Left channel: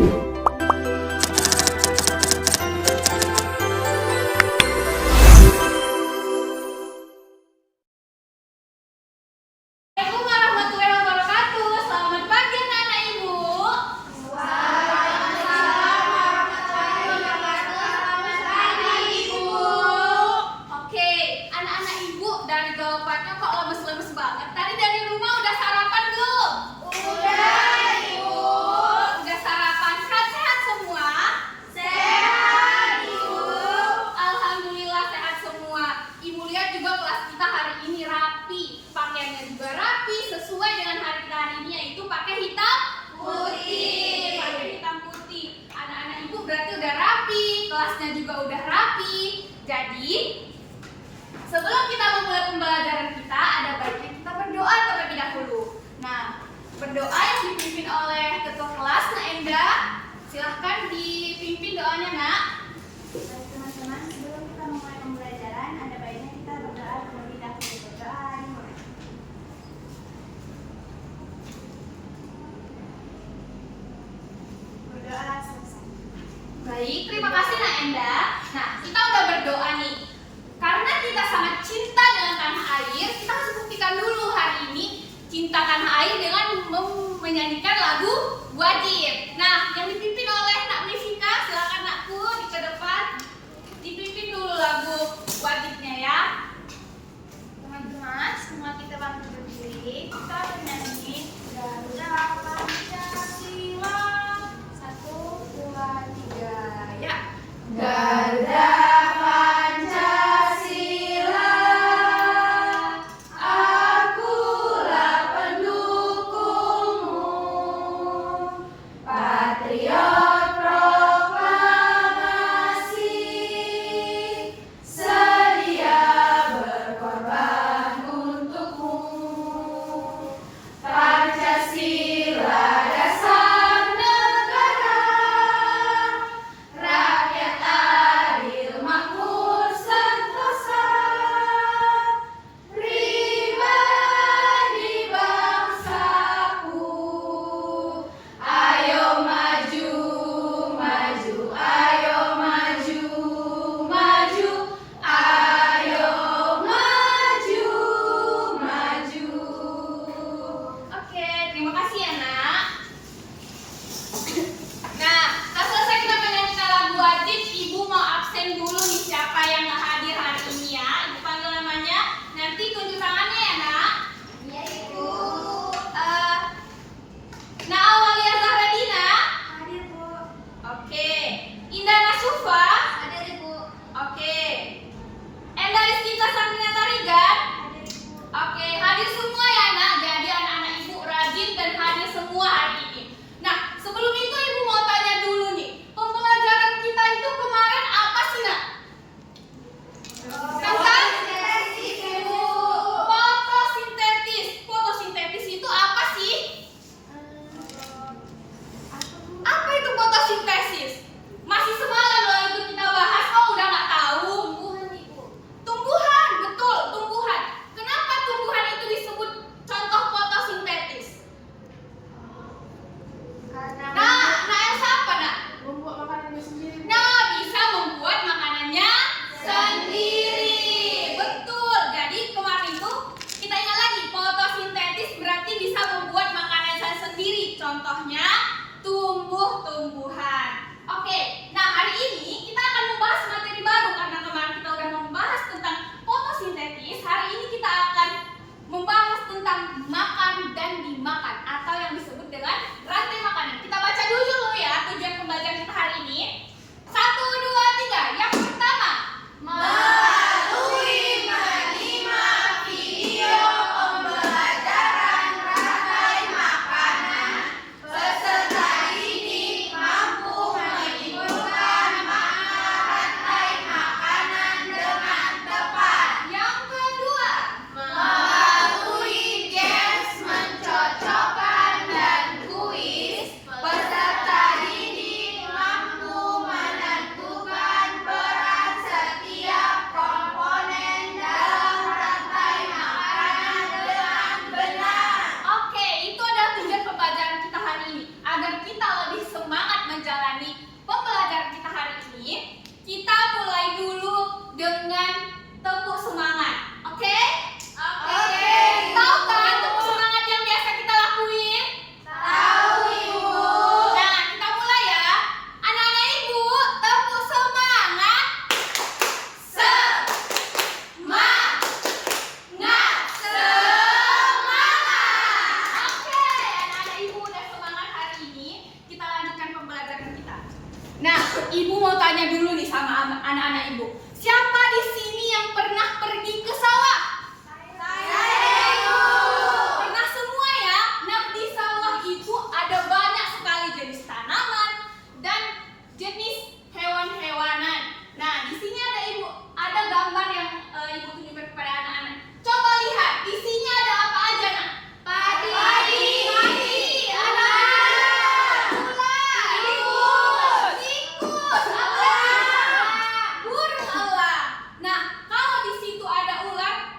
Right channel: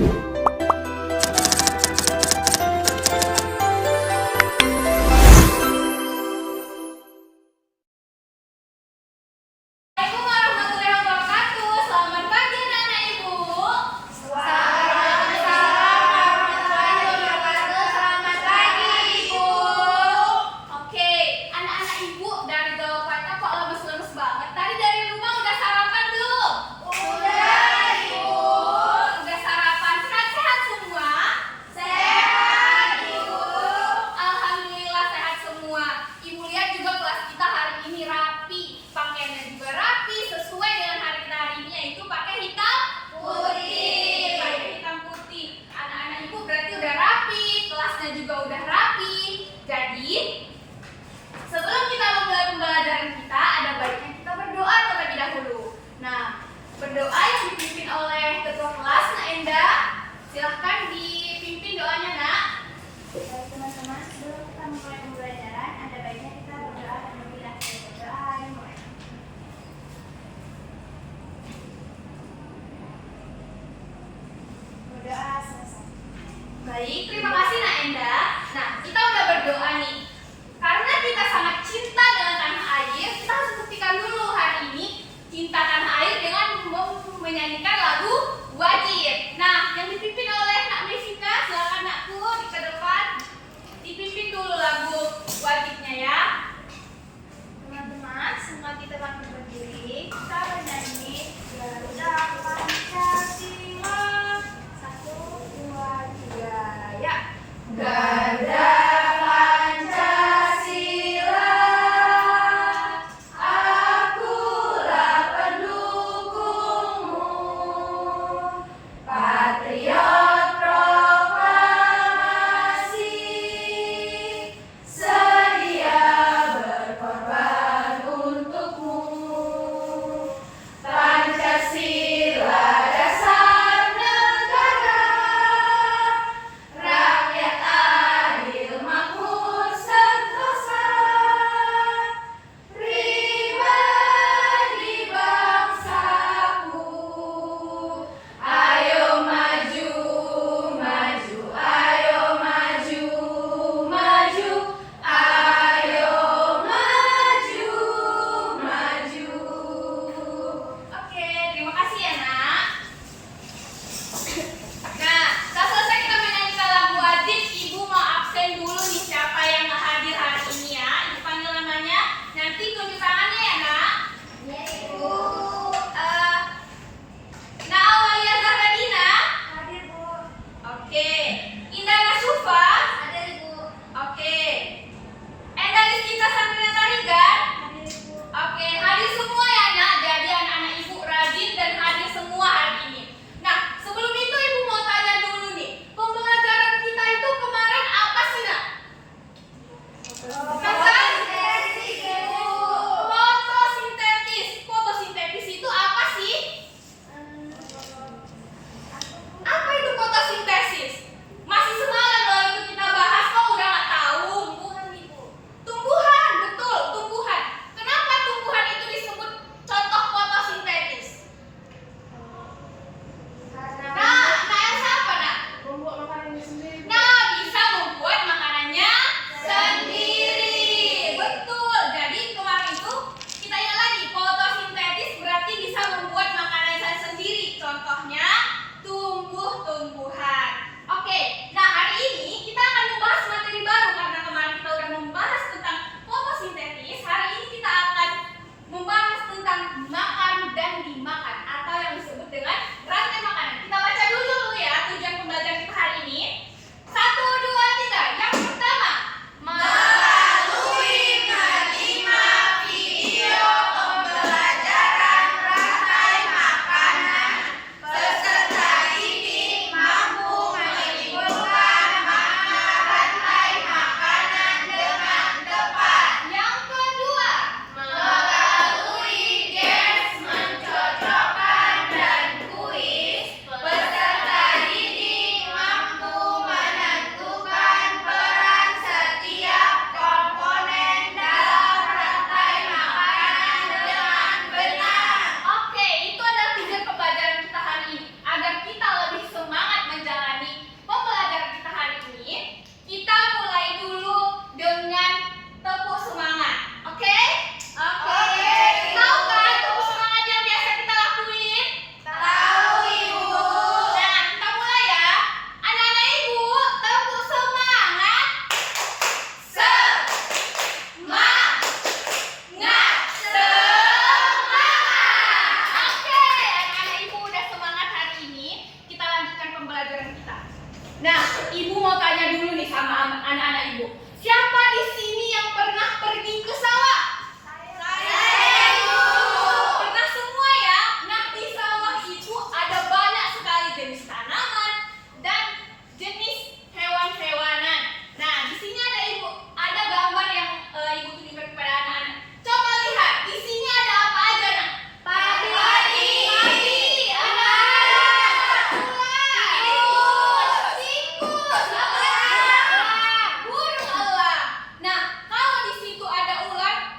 warahmatullahi wabarakatuh. Selamat pagi anak-anak ibu. Waalaikumsalam warahmatullahi wabarakatuh. Selamat pagi ibu. Oke, anak-anak ibu dari jawabannya kok lemes-lemes banget. Tadi dari rumah udah sarapan belum? Udah ibu. Udah sarapan. Sehat-sehat semua? Sehat ibu. Alhamdulillah sehat semua. Ibu lihat juga kelas kita hari ini rapi. Pakaiannya juga rapi sesuai dengan hari kita hari ini, yaitu pakai hitam putih. Pakai hitam putih. Anak-anak ibu berarti udah rapi, kelasnya juga udah rapi. Jadi sebelum kita memulai pembelajaran kita, ada baiknya kita berdoa terlebih dahulu. Nah, berdoa yang dipimpin oleh ketua kelas, Nak Enda. Silahkan dipimpin doanya, Nak. Baik teman-teman, sebelum kita memulai pembelajaran, ada baiknya kita berdoa terlebih dahulu. Berdoa dimulai. Berdoa selesai. Baik, terima kasih Nak Enda. Nah, kita udah berdoa nih. Karena kita sangat cinta dengan tanah air, kita harus buktikan dulu hari ini cinta tanah air dengan menyanyikan lagu Wajib. Nah, yang dipimpin oleh Nak Mesika, silakan Nakku di ke depan. Dipimpin dulu lagu Wajibnya ya. Teman-teman, semua kita bangkit berdiri. Kita bernyanyi Garuda Pancasila. 1, 2, 3, ya. Garuda Pancasila, akulah pendukungmu, patriot proklamasi, sedia berkorban untukmu. Pancasila dasar negara, rakyat adil makmur sentosa, pribadi bangsaku. Ayo maju, maju, ayo maju, maju, ayo maju, maju. Oke, terima kasih ya, Nak. Nah, setelah selesai kita menyanyikan lagu Wajib, Ibu mau absen dulu nih siapa yang nggak hadir hari ini ya. Ibu panggil namanya, nanti tunjuk tangannya ya, Nak. Ya, Ibu. Nah, Awalia Zahradina. Hadir, Bu. Oke. Indah Nasufa. Hadir, Ibu. Oke. Enda Rizkika Sabrina Tarigan. Hadir, Ibu. Oke, hadir semua ya, Nak. Jadi anak-anak ibu rajin dan hadir semua hari ini. Nah, sebelum itu ibu mau tanya dulu nih, pembelajaran kita itu kemarin apa sih, Nak? Fotosintesis, Ibu. Fotosintesis. Fotosintesis itu apa sih? Apa itu fotosintesis? Masih semalam loh itu kita bahas, kok udah nggak tahu? Tumbuhan, Ibu. Tumbuhan, betul, tumbuhan. Kenapa tumbuhan itu disebut contoh fotosintetis? Nah, Elsa apa, Nak? Membuat makanannya sendiri. Nah, bisa membuat makanannya sendiri. Betul. Jadi kemarin tuh kita ingat lagi, fotosintetis berarti bisa membuat makanan sendiri. Contohnya tumbuh-tumbuhan. Oke, nah hari ini kita akan membahas materi baru karena kemarin kita udah membahas tentang fotosintetis. Hari ini kita akan membahas tentang makan dan dimakan atau yang disebut dengan rantai makanan. Kita baca dulu ya tujuan pembelajaran kita hari ini. 1, 2, 3. Yang pertama, melalui 5 video pembelajaran rantai makanan, peserta didik mampu menyimpulkan makna rantai makanan dengan tepat. Yang kedua, melalui games mencocok sama anak-anak ibu. Siapa di sini yang pernah pergi ke sawah? Saya, Ibu. Pernah semua ya? Nah, di sawah ibu ada banyak sekali jenis tanaman dan jenis hewan-hewanan. Nah, di sini ada ibu, ada gambar yang ibu tunjukkan kepada anak-anak. Coba lihat, di sini ada apa aja, nak? Padi. Ada ular. Tikus. Burung elang. Nah, kalau di situ ada ular,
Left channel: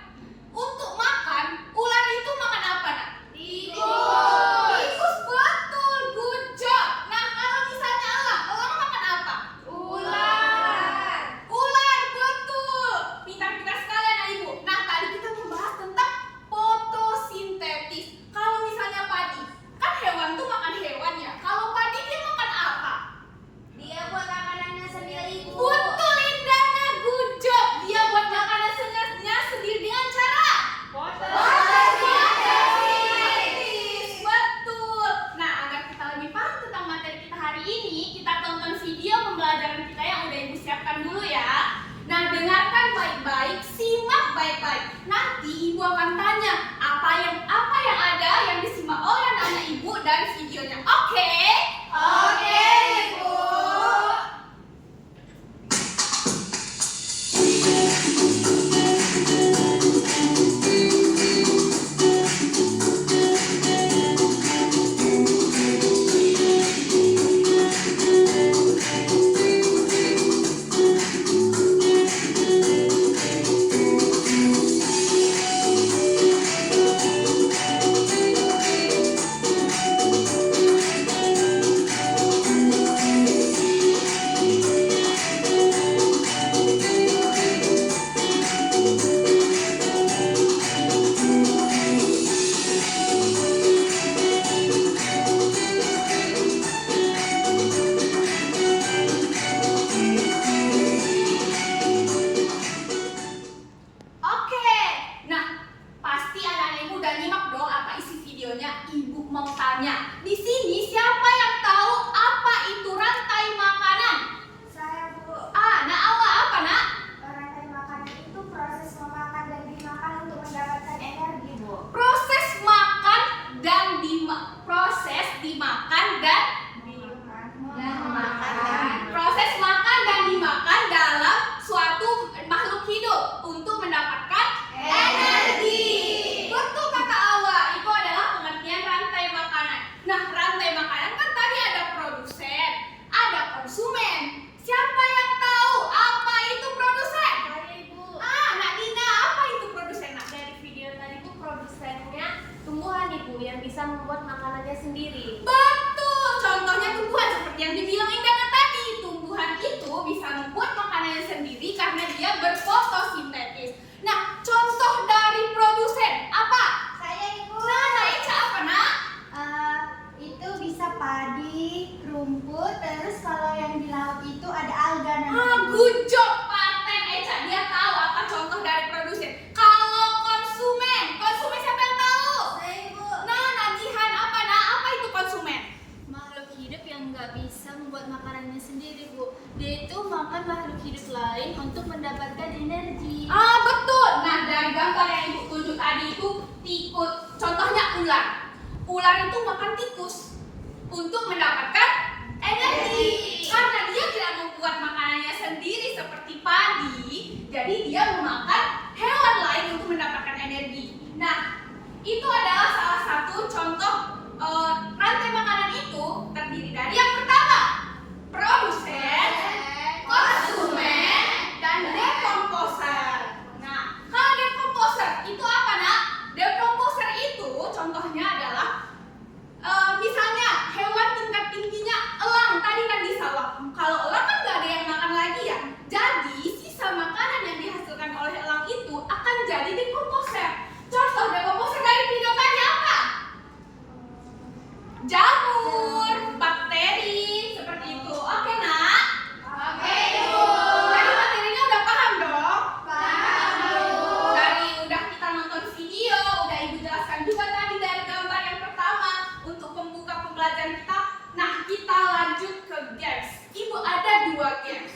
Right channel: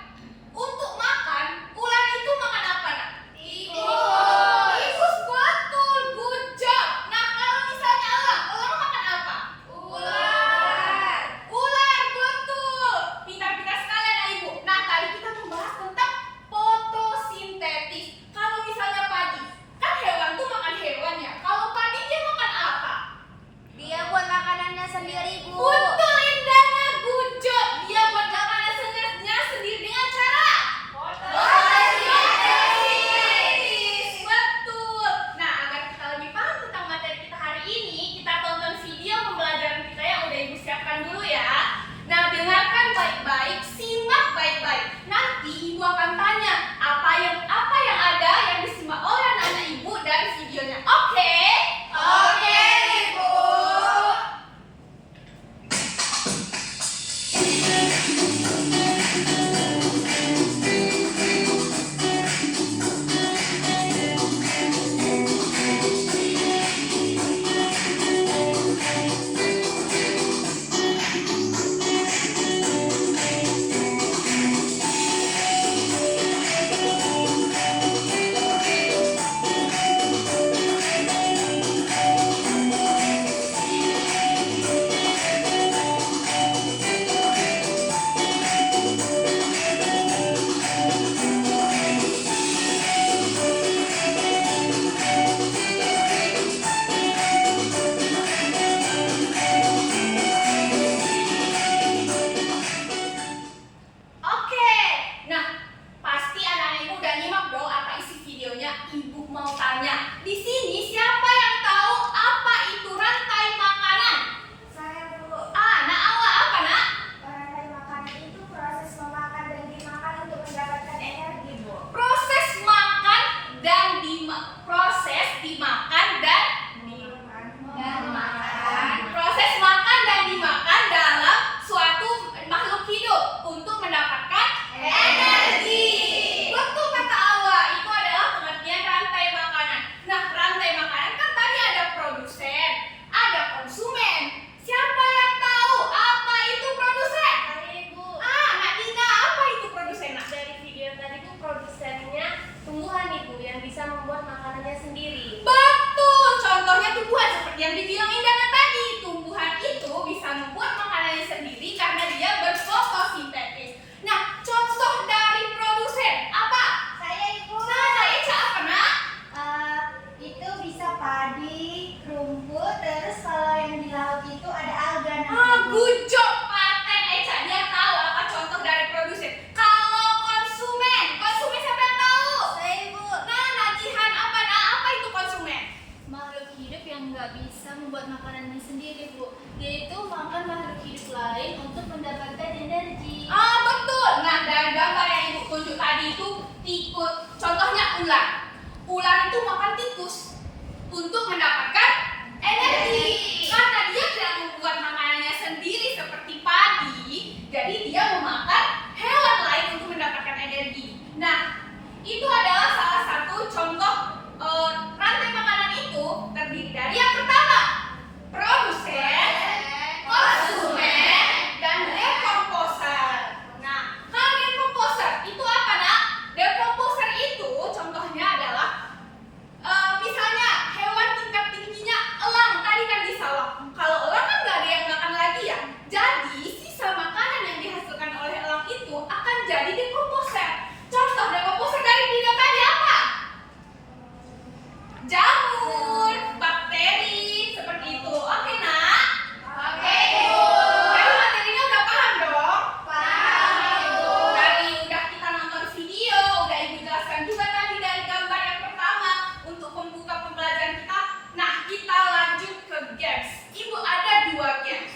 untuk makan, ular itu makan apa, nak? Tikus. Tikus, betul, good job. Nah, kalau misalnya elang makan apa? Ular. Ular, betul. Pintar-pintar sekali anak ibu. Nah, tadi kita membahas tentang fotosintesis. Kalau misalnya padi, kan hewan tuh makan hewan ya. Kalau padi dia makan apa? Dia buat makanannya sendiri, Bu. Betul, Indana, good job. Dia buat makanannya sendiri dengan cara fotosintesis. Betul. Nah, agar kita lebih paham tentang materi kita hari ini, kita tonton video pembelajaran kita yang udah ibu siapkan dulu ya. Nah, dengarkan baik-baik, simak baik-baik. Nanti ibu akan tanya apa yang ada yang disimak oleh anak-anak ibu dari videonya. Oke? Oke, Ibu. Oke, nah pasti anak-anak ibu udah nyimak dong apa isi videonya. Ibu mau tanya, di sini siapa yang tahu apa itu rantai makanan? Saya, Bu. Nah awal apa nak? Rantai makanan itu proses memakan dan dimakan untuk mendapatkan energi, Bu. Proses makan dan proses dimakan dan proses makan dan dimakan dalam suatu makhluk hidup untuk mendapatkan energi. Betul kata Awa, itu adalah pengertian rantai makanan. Nah, rantai makanan kan tadi ada produsen, ada konsumen. Siapa yang tahu apa itu produsen? Saya, Ibu. Nak Dina, apa itu produsen, nak? Dari video tadi tuh produsennya tumbuhan, Ibu, yang bisa membuat makanannya sendiri. Betul, contohnya tumbuhan seperti yang dibilang Indana tadi. Tumbuhan itu bisa membuat makanannya sendiri karena dia berfotosintesis. Nah, contoh dari produsen apa? Saya, Ibu. Nah, Eca apa, nak? Itu bisa padi, rumput, terus kalau yang di laut itu ada alga. Good job, paten Eca. Dia tahu apa contoh dari produsen. Kalau konsumen siapa yang tahu? Saya, Ibu. Nah, Najihan apa, nak? Apa itu konsumen? Makhluk hidup yang nggak bisa membuat makanannya sendiri, Bu. Dia itu makan makhluk hidup lain untuk mendapatkan energi. Betul. Nah, dari gambar yang ibu tunjuk tadi itu tikus. Contohnya ular. Ular itu makan tikus untuk mendapatkan energi. Karena dia tidak membuat makanannya sendiri seperti padi, jadi dia memakan hewan lain untuk mendapatkan energi. Nah, itu adalah salah satu contoh rantai makanan itu terdiri dari yang pertama, produsen, konsumen, dan dekomposer. Nah, kalau dekomposer itu apa, nak? Dekomposer itu contohnya adalah misalnya hewan tingkat tingginya elang tadi kan di sawah. Kalau elang kan nggak ada yang makan lagi ya. Jadi sisa makanan yang dihasilkan oleh elang itu akan jadi dekomposer. Contoh dekomposer dari video tadi apa? Jamur, bakteri, seperti itu. Oke, nak? Oke, Ibu. Dari materinya udah paham dong? Paham, Ibu. Dari udah kita nonton video, udah Ibu jelaskan juga tadi dari gambar yang pertama untuk pembuka pembelajaran kita. Nah, kita lanjut ke games. Ibu ada 2 games.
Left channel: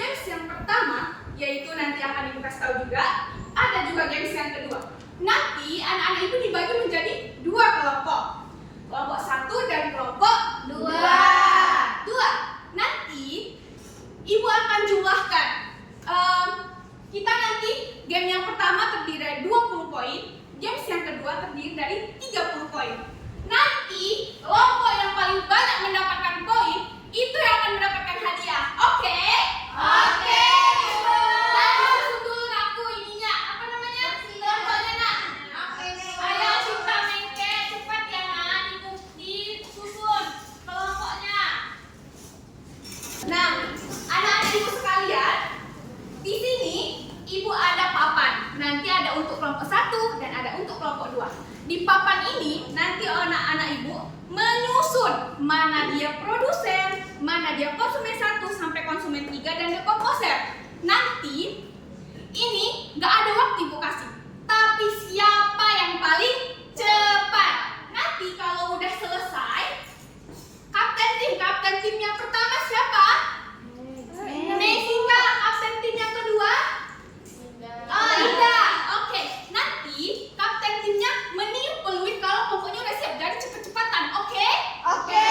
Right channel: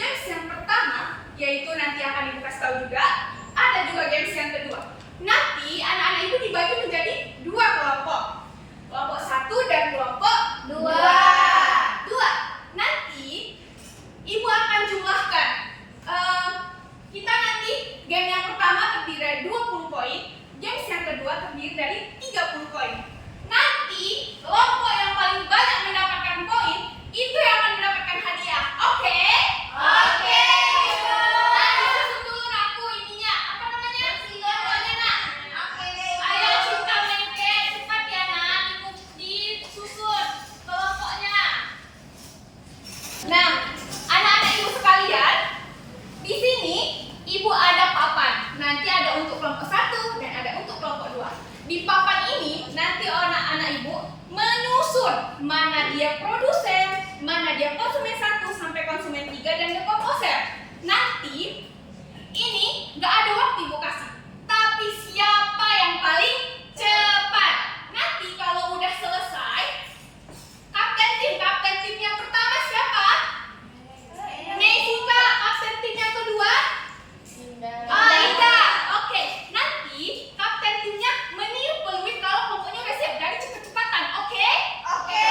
games yang pertama, yaitu nanti akan Ibu kasih tahu juga, ada juga games yang kedua. Nanti anak-anak Ibu dibagi menjadi dua kelompok. Kelompok 1 dan kelompok 2. Nanti Ibu akan jumlahkan. Kita nanti game yang pertama terdiri dari 20 poin, games yang kedua terdiri dari 30 poin. Nanti kelompok yang paling banyak mendapatkan poin itu yang akan mendapatkan hadiah. Oke? Oke. Nanti susun dulu aku ininya. Apa namanya? Kelompoknya nak. Ayo Cinta Mengke, cepat ya nak. Disusun kelompoknya. Nah, anak-anak Ibu sekalian, di sini Ibu ada papan. Nanti ada untuk kelompok 1 dan ada untuk kelompok 2. Di papan ini nanti anak-anak Ibu menyusun mana dia produsen, mana dia konsumen 1 sampai konsumen 3 dan dekomposer. Nanti ini nggak ada waktu Ibu kasih, tapi siapa yang paling cepat. Nanti kalau udah selesai, kapten tim yang pertama siapa? Mesika. Kapten tim yang kedua? Ida. Oke, nanti kapten timnya meniup peluit kalau kelompoknya udah siap. Jadi cepet-cepatan, oke? Oke.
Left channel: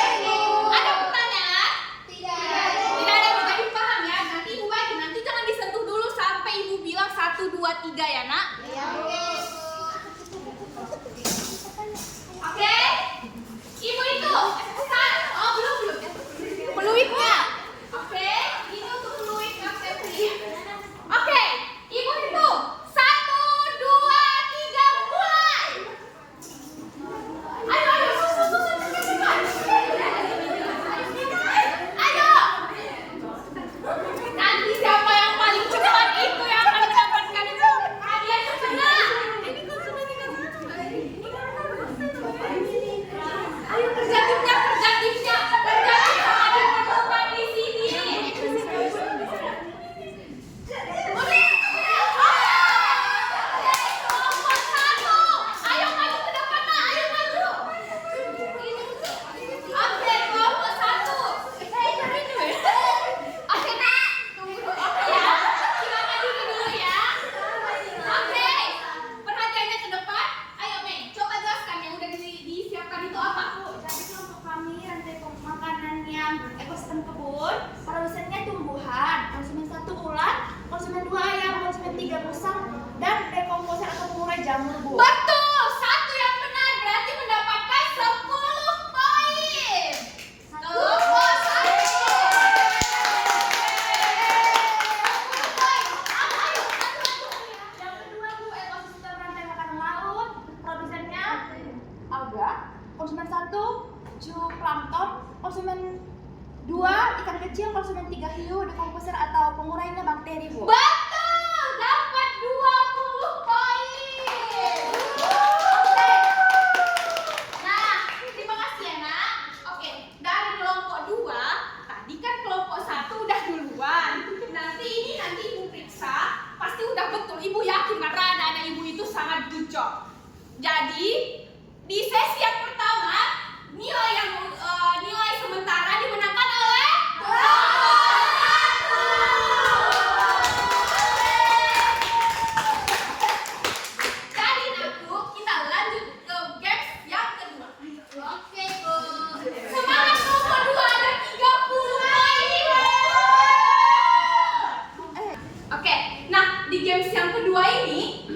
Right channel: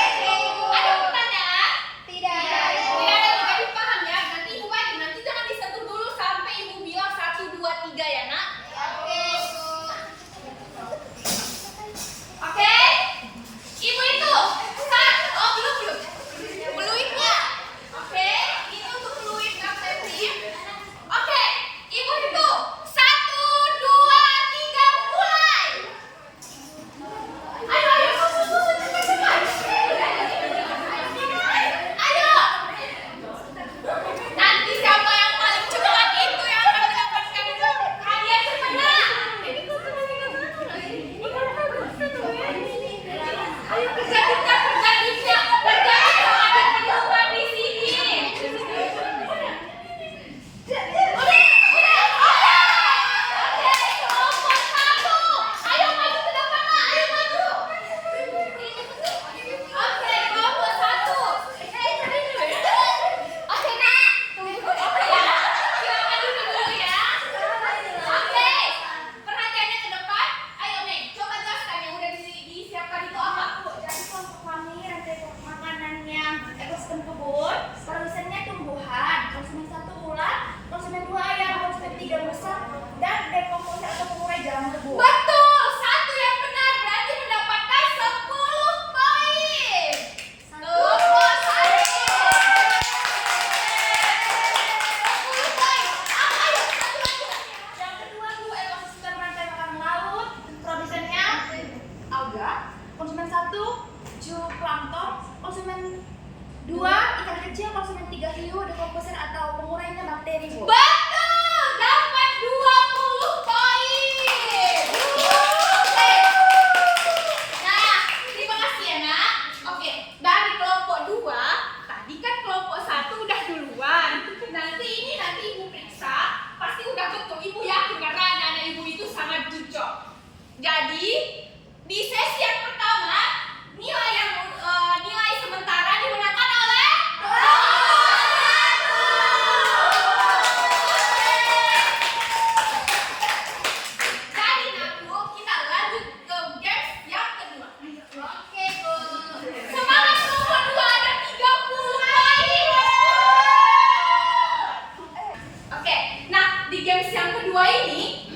Ada pertanyaan? Tidak ada, juga dipaham ya. Nanti Ibu aja, nanti jangan disentuh dulu sampai Ibu bilang 1, 2, 3 ya nak. Oke? Ibu itu belum. Peluitnya. Oke, ini untuk peluit kapten tim. Oke, Ibu itu 1, 2, 3 mulai. Ayo, susun cepat. Ayo. Nanti siapa yang paling cepat itu yang akan mendapatkan hadiah semangat. Ayo kerja timnya. Ada teman di sini. Ayo maju ke depan nak. Ayo maju. Oke, kelompok 1. Oke nak. Oke ya. Silakan duduk dulu ya. Oke. Perhatiannya ke depan. Ayo Mei, coba jelaskan yang udah disiapkan itu apa? Jadi kelompok kami rantai makanan yang ekosistem kebun, produsennya tumbuhan, konsumen 1 ulat, konsumen 2 ayam, konsumen 3 musang, dan dekomposer atau pengurai jamur bu. Betul, 1 yang benar berarti mendapatkan 10 poin. Kelompok 1. 10 poin. Ayo, Yang kedua bu, ekosistem rantai makanan laut, produsennya alga, konsumen 1 zooplankton, konsumen 2 ikan kecil, konsumen 3 hiu, dekomposer atau pengurainya bakteri bu. betul, dapat 20 poin. Oke. Nah, terima kasih ya nak. Oke, dari kelompok 2, tadi kan kelompok 1 udah duluan. Nanti Ibu periksa, pasti udah betul. Ibu yakin karena anak-anak Ibu itu sangat jucok. Jadi, di sesi yang pertama, nilai sementara dimenangkan oleh Jadi Naku, kita lanjut ke games yang kedua. Oke, Bu. Semangat kelompok 2 ada 30 poin. Oke, nah di games yang kedua ini,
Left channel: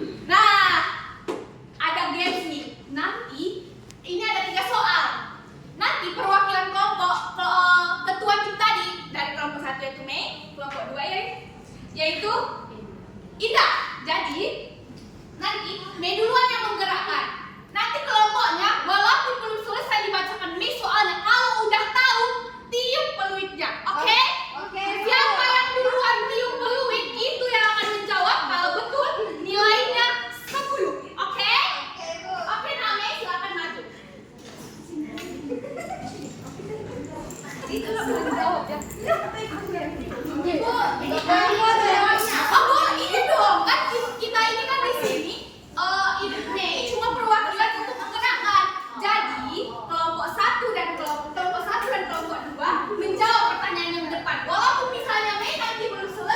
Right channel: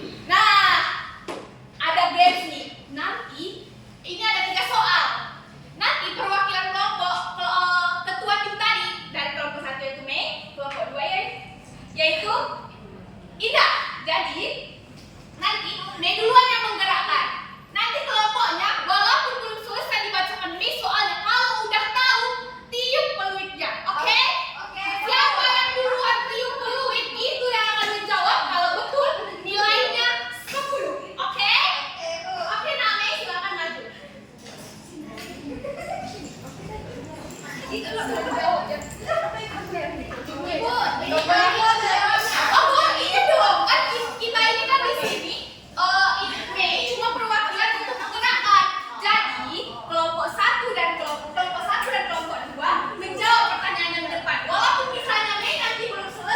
ada games nih. Nanti ini ada 3 soal. Nanti perwakilan kelompok ketua tim tadi dari kelompok 1 yaitu Mei, kelompok 2 yaitu Ida. Jadi nanti Mei duluan yang menggerakkan. Nanti kelompoknya walaupun belum selesai dibacakan Mei soalnya, kalau udah tahu tiup peluitnya. Oke? Siapa yang duluan tiup peluit itu yang akan menjawab kalau betul nilainya 10. Oke? Oke, nah Mei silakan maju. Itu loh jawab ya. Ibu, oh ini dong kan kita ini kan di sini Mei cuma perwakilan untuk menggerakkan. Jadi kelompok 1 dan kelompok 2 menjawab pertanyaan yang depan. Walaupun misalnya Mei nanti belum selesai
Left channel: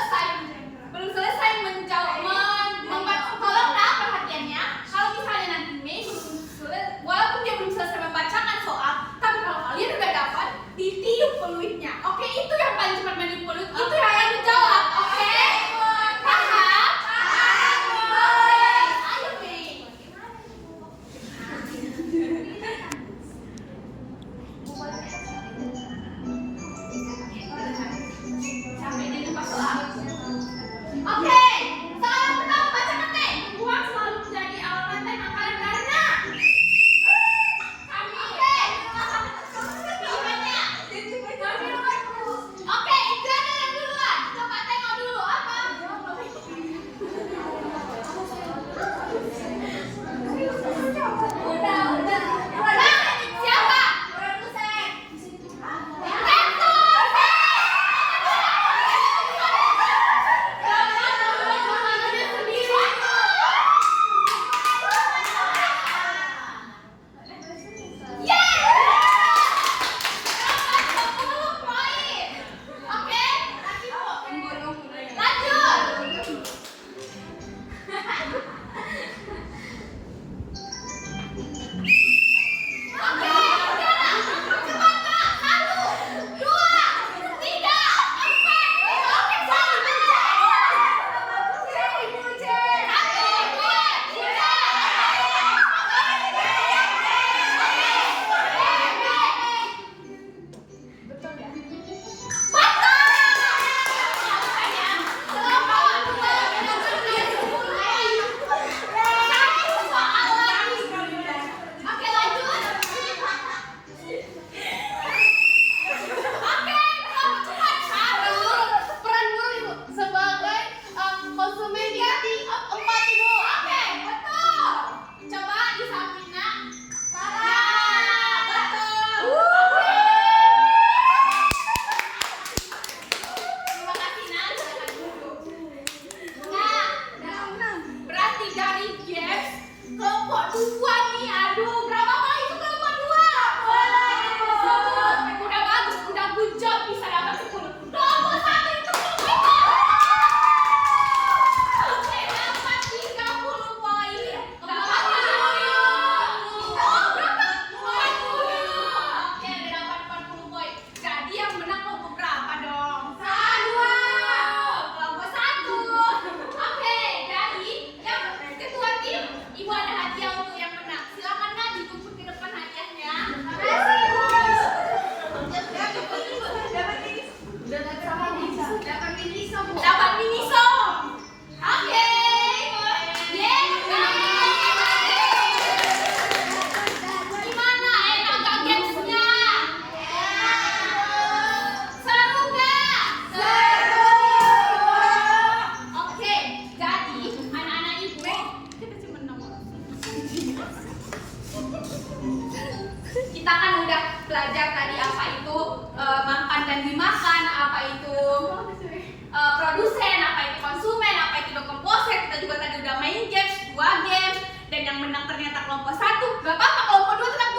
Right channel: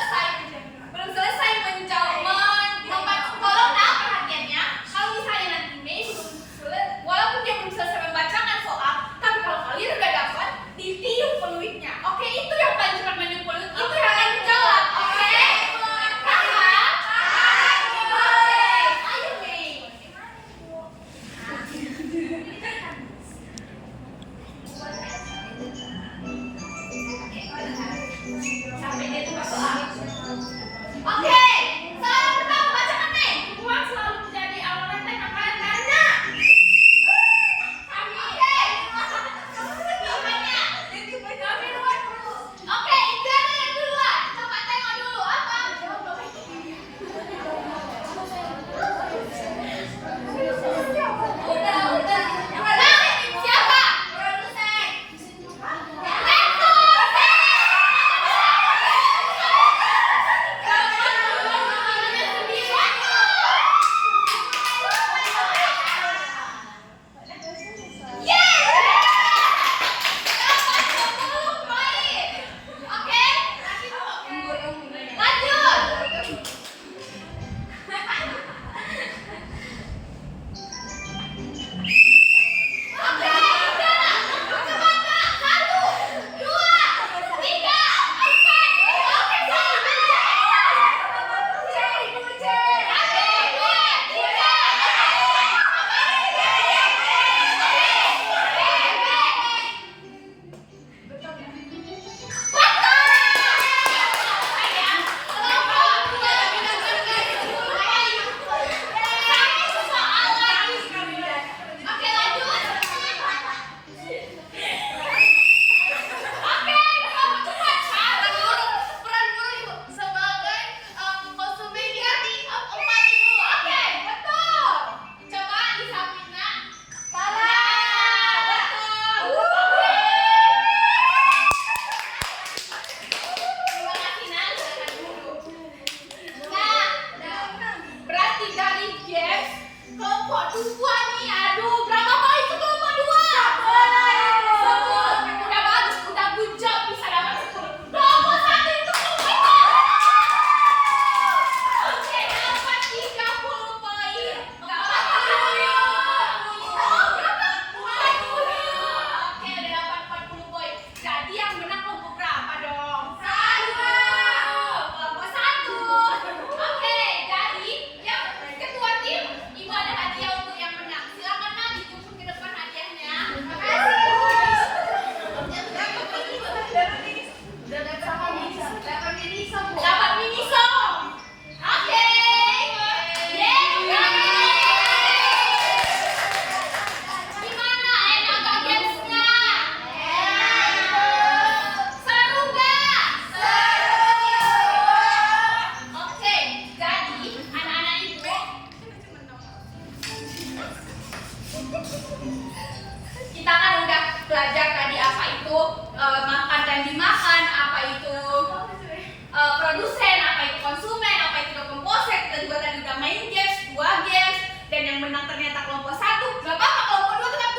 paling cepat manipulasi itu yang akan menjawab. Oke? Paham? Oke. Ayo, Kay. Sampai dia tuh masuk akal. Oke, soal pertama bacakan nih. Uang selalu menjadi awal tentang makanan ganja. Oke, Ijana yang duluan. Coba tengok dulu apa. Udah. Siapa? Produsen. Berarti dari games kelompok 2 nih, aduh berapa poin itu kelompok 2? 10. Udah bagus, udah good job, bisa dapat 10. Kelompok 1 itu oke, dapat 30 poin. Dapat 40. Oh, berapa? 40. Oke, udah dapat 40 poin. Jadi yang menang kelompok berapa dong? 1. Kelompok 1. Oke, jadi yang ketua tim, Ibu ada hadiah untuk yang menang. Silakan Nadi jemput ke depan hadiahnya. Terima kasih. Dapat mini song. Oke. Gimana? Enak gak gamesnya? Seru gak? Oke, jadi anak-anak ibu kita kan udah belajar tadi apa itu makan dan dimakan, apa itu produsen, apa itu konsumen, apa itu komposer. Kita juga tadi udah main games, 2 games, dan yang menang ternyata kelompok 1. Gak apa-apa, kelompok 2 tetap